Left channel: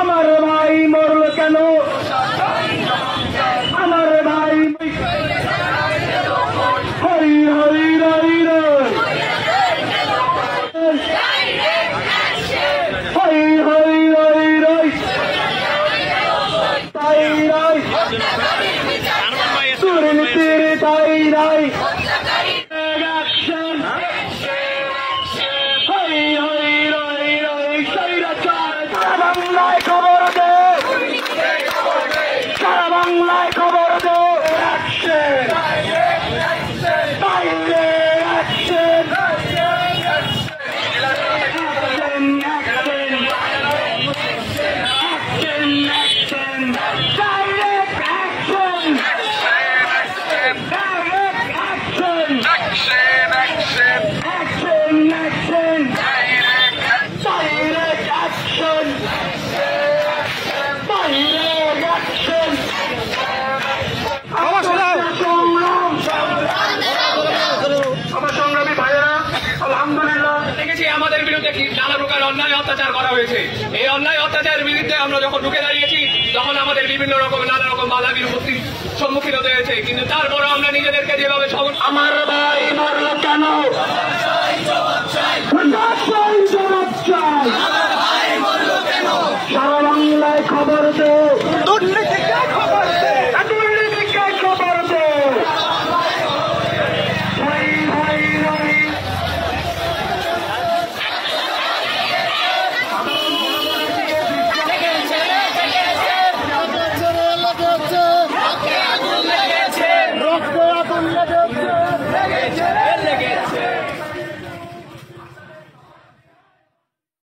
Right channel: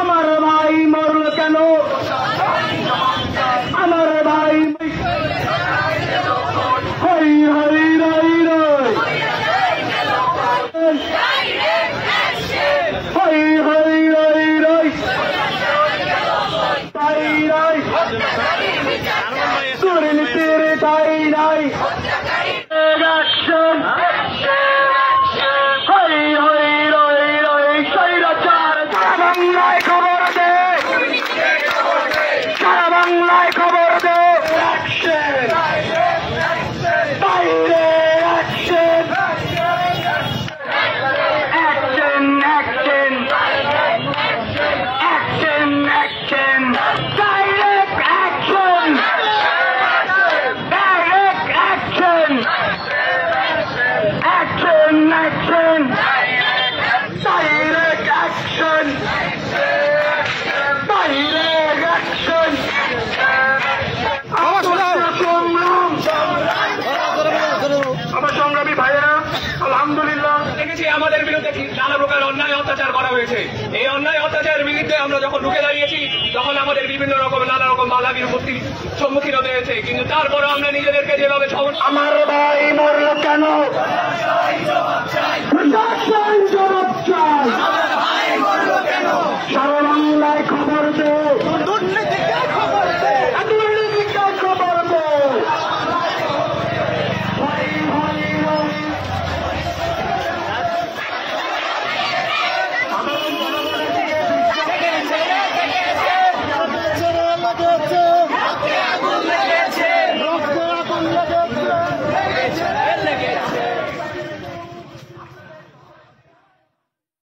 আমার ভাই মরল কেন? আমার ভাই হই হই রই রই হই হই রই রই তাই নাই দুর্নীতির তাই নাই হই হই রই রই স্বৈরাচার বাংলায় খবর দে, সারা বাংলায় খবর দে। বাইরে action, action action action action, direct action, direct action, action action, direct action, direct action. বাবা শোনাও। সংগ্রামী ভাইয়েরা, আলহামদুলিল্লাহ দেখেছি আমাদের বিরুদ্ধে নানা প্রকার অন্যায় অত্যাচার করা হয়েছে। এই অন্যায় অত্যাচারের বিরুদ্ধে আমরা যখন ঢুকে দাঁড়িয়েছি তখন আমাদের বিভিন্ন রকম নানা রকম বাধা বিপত্তির সম্মুখীন হতে হয়েছে, কিন্তু তারপরও আমরা নিজেদেরকে যেভাবে আমার ভাই মরল কেন?